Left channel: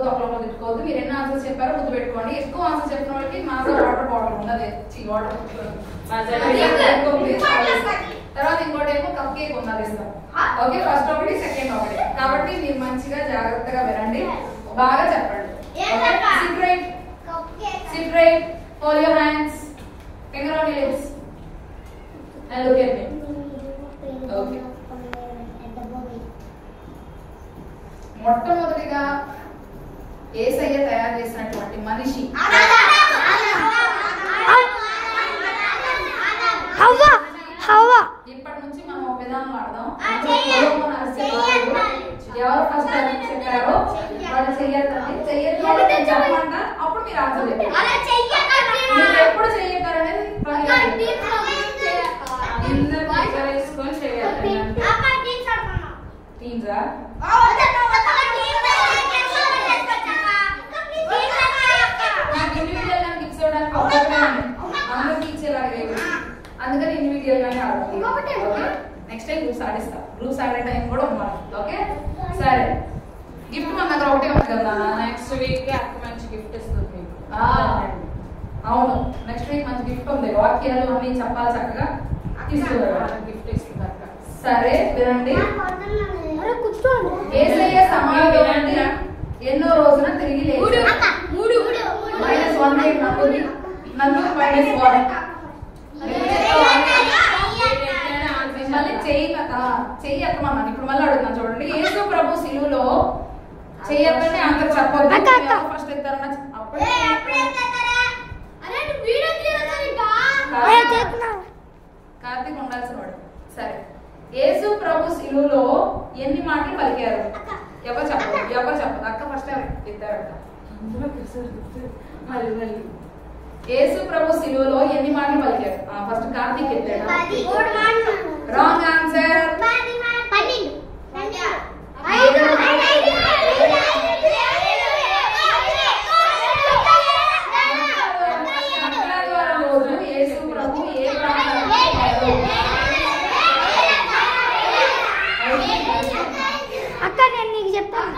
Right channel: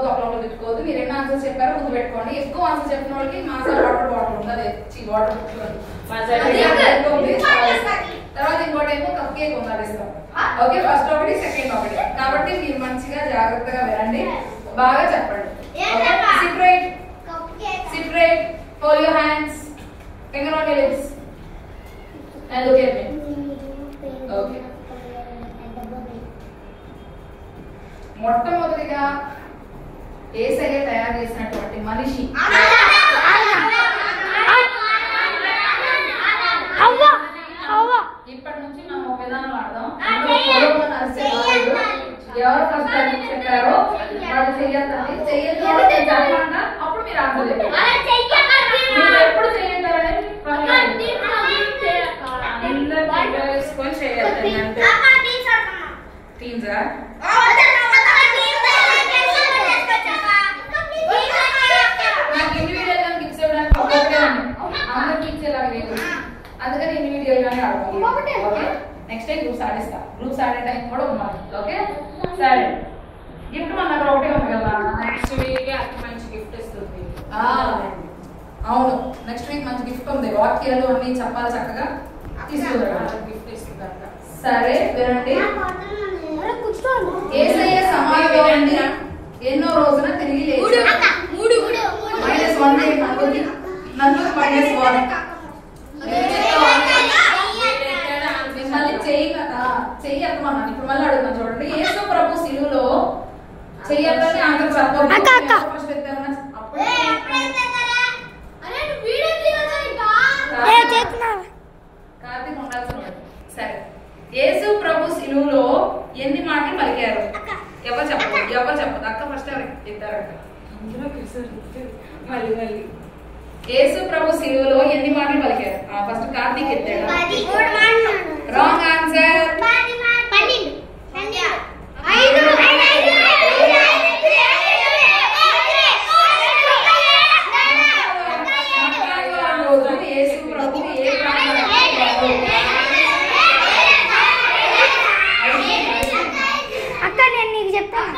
తిట్టుకోవద్దు, ఒకళ్ళు తిట్టుకోవద్దు. మీరు ఎన్ని ఆన్సర్స్ చెప్పారో గుర్తు పెట్టుకోండి. ఎక్కువ ఆన్సర్ చెప్పిన వాళ్ళకి మాసా వాటర్ బాటిల్ ఉంటుంది, వాటర్ తర్వాత ఇంకోటి ఏమో కప్ కేక్ ఉన్నది ఇస్తాం. ఓకే, ఫస్ట్ ఒకటి సెకండ్ ఒకటి. కాబట్టి మీరు మంచిగా జాగ్రత్తగా వినండి, బాగా చెప్పండి. SIT right, SIT right, hold your hands, finger on your lips and look at me. Okay. మొట్టమొదటిగా యేసయ్య తయారు చేసినటువంటి మనిషి ఇప్పటి నుంచి మనం ఒక విధానం ఆడదాం. ఎవరు ఫస్ట్ చెప్పారో వాళ్ళు చెయ్యొద్దండి. చెయ్యొద్దు చెప్పండి, అప్పుడు మీరు ఆన్సర్ మీరు ఎప్పుడు చెయ్యగలరనేది వేసుకొని చేయాలి. అంటే టీన్సా నాకు ఇండివిజువల్ గా గిఫ్ట్స్ ఇవ్వడానికి ఒకటే ఉంది, అందరికి ఇచ్చేలాగా లేదు. అందుకని ఇండివిజువల్ గానే ఆడతాం. ఓకే, నెక్స్ట్ టైం గ్రూప్స్ ఆడిస్తా. గ్రూప్స్ ఆడే టైం కూడా ఉండాలి. ఓకే, సరే. గిఫ్ట్ మన దగ్గర ఒకటే ఉంది కదా, నెక్స్ట్ వీక్ మంచి గిఫ్ట్ ఇస్తుంది. అవును, నెక్స్ట్ వీక్ మంచి గిఫ్ట్ ఉంది. వాక్యాలు అన్ని చెప్పాలి, చక్కగా తీసుకుంటారు, గిఫ్ట్ ఇస్తున్నారు. సరే వినండి. యేసయ్య సమాధిలోండి ఎన్నో రోజున తిరిగి లేచాడు. -1 నన్ను -1. మిమ్మల్ని చెయ్యి ఎత్తమన్నాను. ఇప్పుడు మళ్ళీ అడుగుతాను చూడండి. యేసు ప్రభు సిలువలో చెయ్యొద్దని అందరూ చెప్పొద్దు. ఫస్ట్ ఎత్తారని కార్తీక్ ఉండాల్సిన వాడు. సరే, యేసు ప్రభు సిలువలో ఎన్ని మాటలు పలికారు? ఎవరు చెప్పదు, ఎవరు చెప్పదు. అక్క ఫస్ట్ ఎవరు ఎత్తారు? అక్క మళ్ళీ యేసు ప్రభు సిలువలో ఎన్ని మాటలు పలికారు? ఫస్ట్ కార్తీక్ ఎత్తాడు. Wrong answer. యేసు ప్రభు ఏ అక్క నేను నీకు చెప్తాను.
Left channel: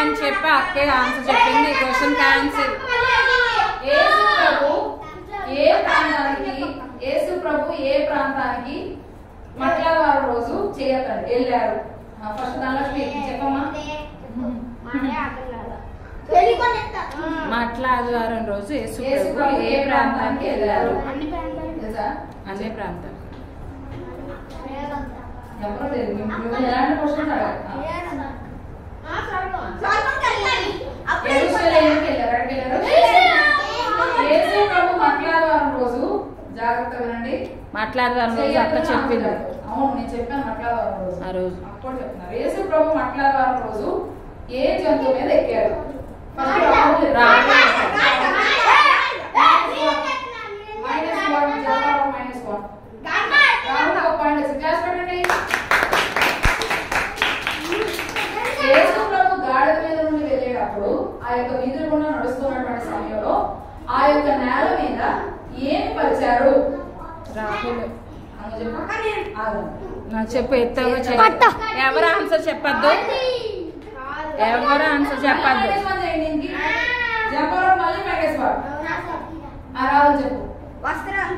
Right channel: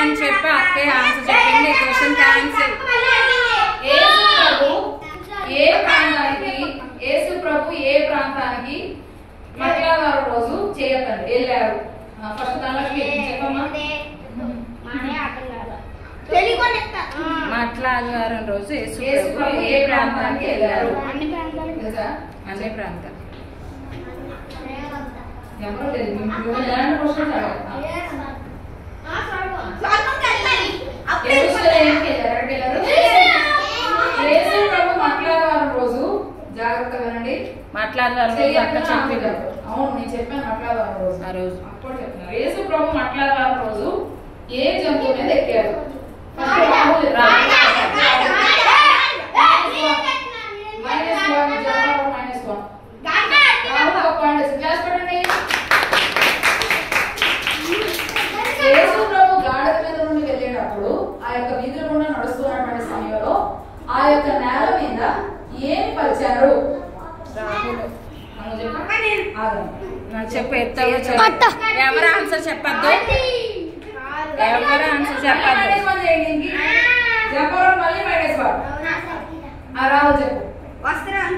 అని చెప్పి అక్కే ఆన్సర్ చెప్పింది. Question cancel. యేసు ప్రభు ఏ ప్రాంతానికి మంగళవారం రోజు చేయకండి వెళ్ళారు? ఫస్ట్ దానిలో చెప్పమ్మా. మంగళవారం రోజు యేసు ప్రభు ఏ ప్రాంతానికి వెళ్ళారు? అన్ని ప్రాంతం. ఎవరో తెలియదు. క్వశ్చన్ యేసు ప్రభు మంగళవారం రోజు, జాగ్రత్తగా వినండి, మంగళవారం రోజు అక్క చెప్పింది. అవును, నేను చెప్పాను మంగళవారం రోజు. ఆ రోజు అప్పుడు చెప్తున్నారు. యేసు ప్రభు మంగళవారం రోజు ఏ జంతువు మీద ఎక్కారు? యేసు ప్రభు గాడిద మీద నుండి వెళ్ళేటప్పుడు ఆ యొక్క వీధుల గుండా నడుస్తున్నటువంటి సమయంలో ఆ యొక్క నేల మీద ఏం పరిచారు? చెప్పు. ఎవరు ఆన్సర్ చెప్పద్దు, ఎవరు ఆన్సర్ చెప్పద్దు. రాదు చెప్పు. వస్త్రాలు.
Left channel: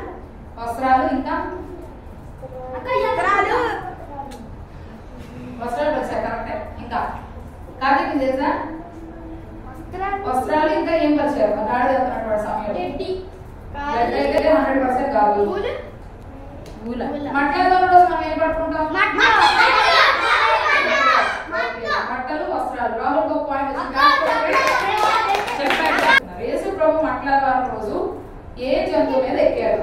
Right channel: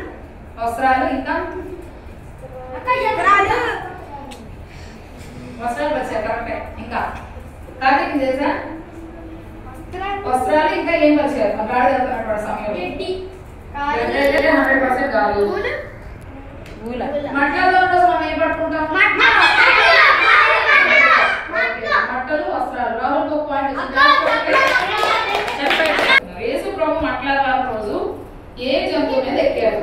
ఇంకా వస్త్రాలు వచ్చాయి, కరెక్టే. ఇంకా కార్తీక్ తెలుసా? వస్త్రాలు. ఇంకా ఏం పరిచారు? గాడి వెళ్తున్నటువంటి సమయంలో 100% కాదు. మంటలలో రోజు మనం ఏం పట్టుకుంటాం? మట్టలు, వస్త్రాలు. రాహుల్ ఒక పాయింట్ చెప్పాడు. యేసు ప్రభు మంగళవారం రోజు ఏ జంతువు మీద ఎక్కారు?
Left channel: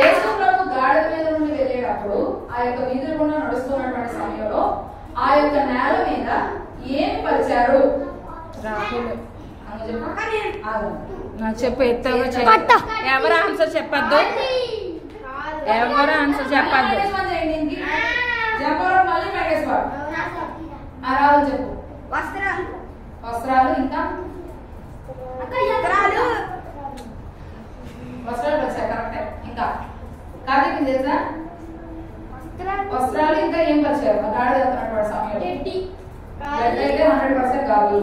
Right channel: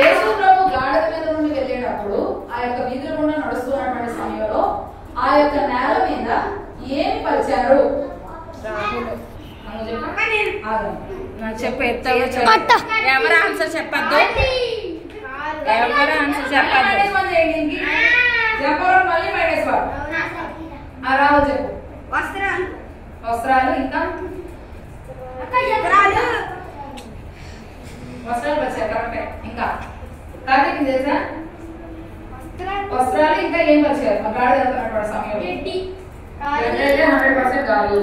యేసు ప్రభు గాడిద మీద నుండి వెళ్ళేటప్పుడు ఆ యొక్క వీధుల గుండా నడుస్తున్నటువంటి సమయంలో ఆ యొక్క నేల మీద ఏం పరిచారు? చెప్పు. ఎవరు ఆన్సర్ చెప్పద్దు, ఎవరు ఆన్సర్ చెప్పద్దు. రాదు రాహుల్ చెప్పు. వస్త్రాలు ఇంకా వస్త్రాలు వచ్చాయి కరెక్టే. ఇంకా కార్తీక్ తెలుసా? వస్త్రాలు ఇంకా ఏం వచ్చారు? మా గాడి వెళ్తున్నటువంటి సమయంలో 100% కాదు.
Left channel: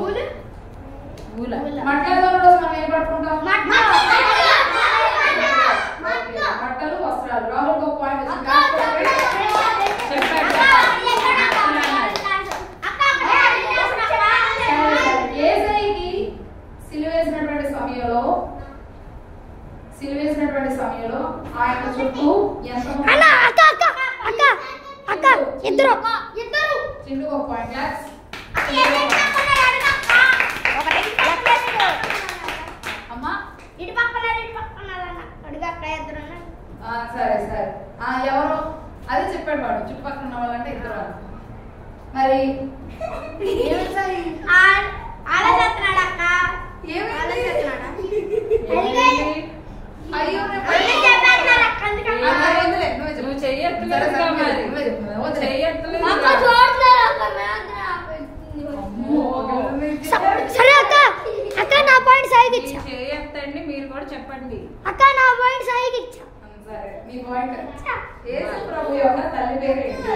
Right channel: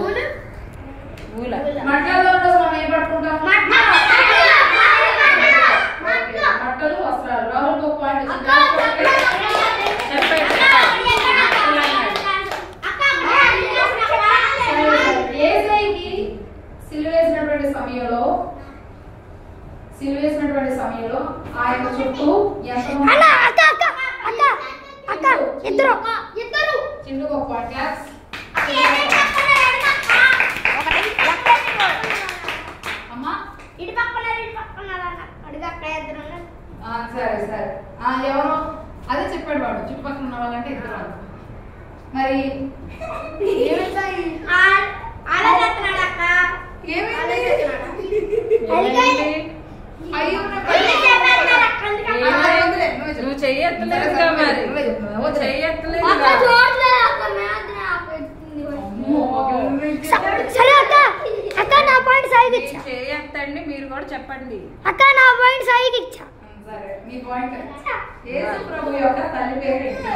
మట్టలో రోజు మనం ఏం పట్టుకుంటాం? మట్టలు వస్త్రాలు. రాహుల్ ఒక పాయింట్ ఏసైకి సిలువేసినటువంటి సమయంలో ఆయన చుట్టూ చింటూ ఒక పాయింట్ క్లాస్. అమ్మా సరే సరే ఎవరో అదే చెప్పాడు వాడు, చుట్టుపక్కల ఉన్న వాళ్ళంటే ఇద్దరు. మరి నువ్వు చెయ్యట్లేదు చేయొద్దండి, మీరు కూడా చెప్పండి. అక్క నా పాయింట్ సైకి ఇచ్చా. సరే మీ పాయింట్. యేసు ప్రభు యొక్క తల్లి పేరు ఏంటి?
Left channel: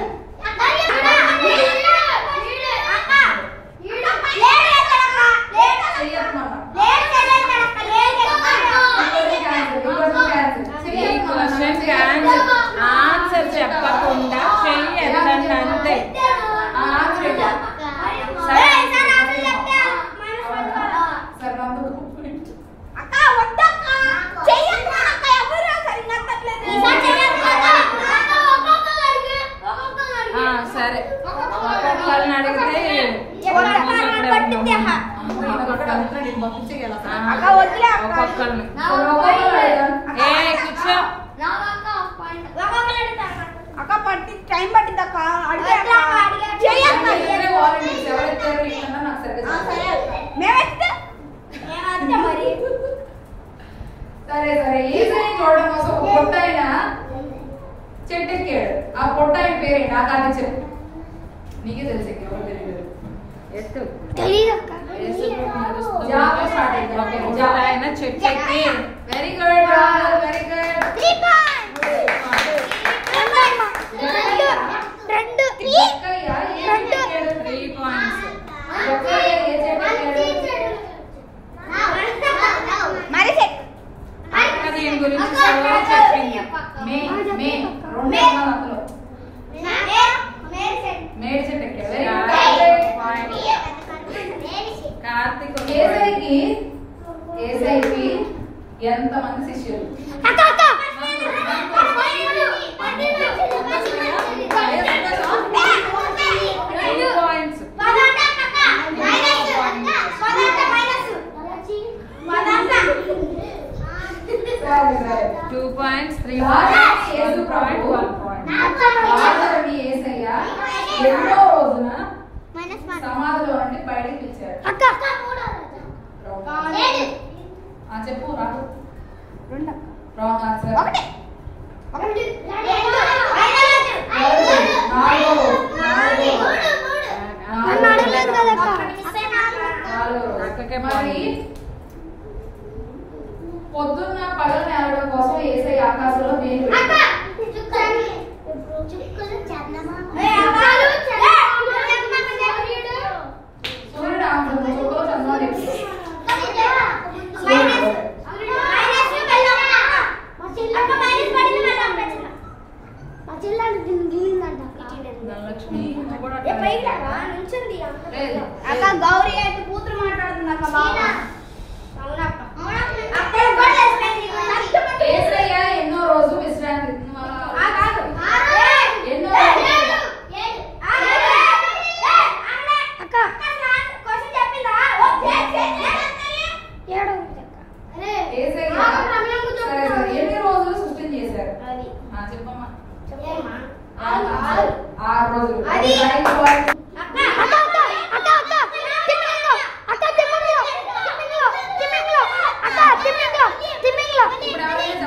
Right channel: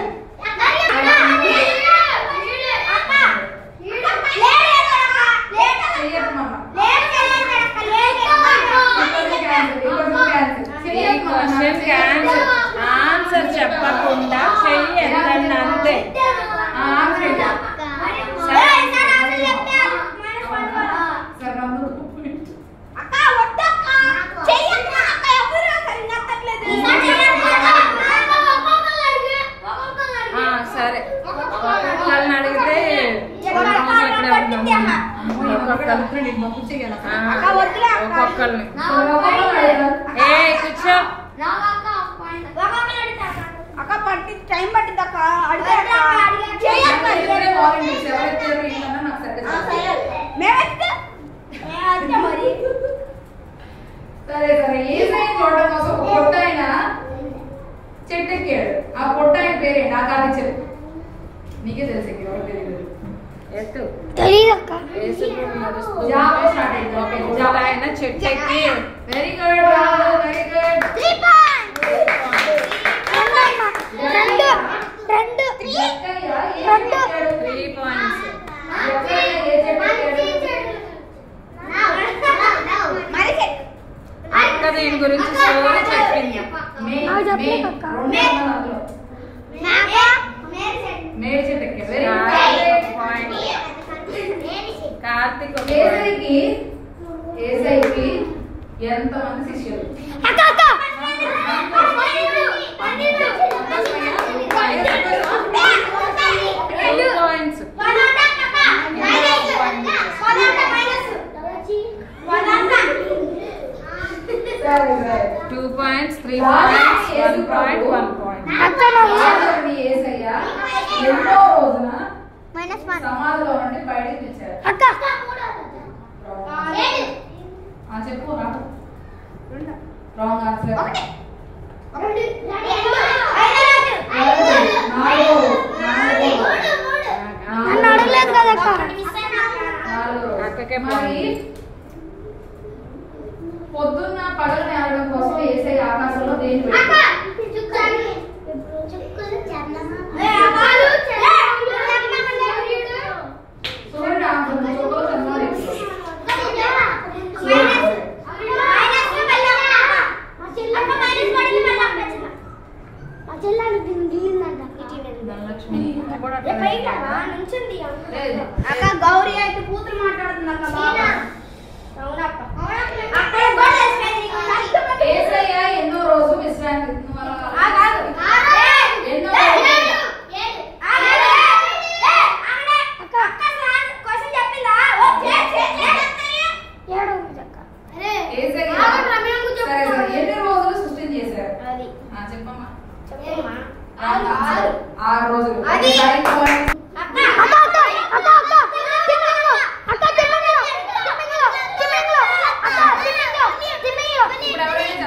ఆన్సర్ చెప్పకుండా చెయ్యొద్దండి అంతే. సరే ఒక్కొక్కరిని అడిగితే ఒక్కొక్కరిని ఏ కూర్చో అక్క పట్టి టైం పట్టింది అక్క. సరే సరే ఏసై చూడడం కోసం ఒక పొట్ట ఆయన చెట్టు ఎక్కాడు. ఆ పొట్ట ఆయన పేరేంటి? ఆ కాదు చెప్పు, నీకే తెలుసు. ఎవరు తెలియదు. ఎత్తు ఆయన చెట్టు ఎక్కి. Very good Rahul, very good. 3 points. అక్క దీని గురించి చెప్పింది. మేడి చెట్టు ఎక్కాడు. కార్తీక్ ఏసైకి ఎంతమంది శిష్యులు? Points. 2 points, 3 points, 1 point, 1 point. ఏసయ్య ఎన్నో రోజున సమాధిలో నుండి బయటికి పిలిచారు. చెప్పు నాకు రాంగ్ ఆన్సర్. పొద్దున్న పగలు నేరడం కోసం ఏసై ఆకాశంలో దేని సూర్యుడు ఆన్సర్ చుక్కలో చంద్రుడు. గౌరీ అయితే కూతురు మాట్లాడుతున్నారు. ఏసయ్య ఎన్నో రోజు విశ్రాంతి ఎన్ని రోజులు సృష్టి చేశారు? చెప్పమ్మా. 6 రోజులు.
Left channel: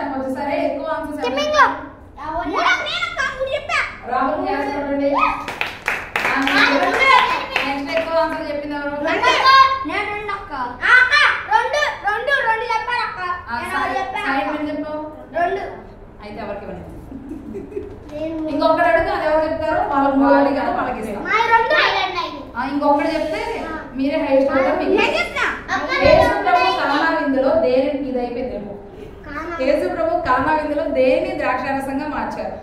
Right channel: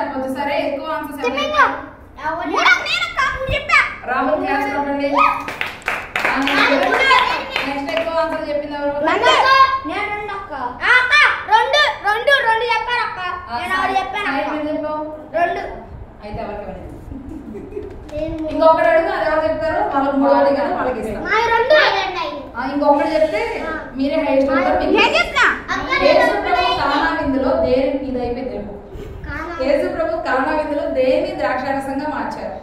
చెప్పొచ్చు. సరే ఎక్కువ రాహుల్ క్లాస్ నెక్స్ట్ ఎక్కువ టూ ఆన్సర్ చెప్పింది ఎవరు? నేను రెండు అక్క. అక్క రెండు రెండు రెండు చెప్పాను అక్క. నేను ఒకటి చెప్పాను అక్క. మీరు చెప్పు. రెండు. అయితే ఎవరికి ఇవ్వలేదు. ఇంకొకటి అడుగు, అది ఎవరు చెప్తారు? వాళ్ళకి మూడు కానీ వాళ్ళకి ఇస్తాం. ఇంకొకటి చెప్తే మీరే హైయెస్ట్ అవుతారు. యేసు ప్రభు కానా విందులో దేని ఇది అయిపోయింది. యేసు ప్రభు కానా విందులో దేని ద్రాక్షారసంగా మార్చారు?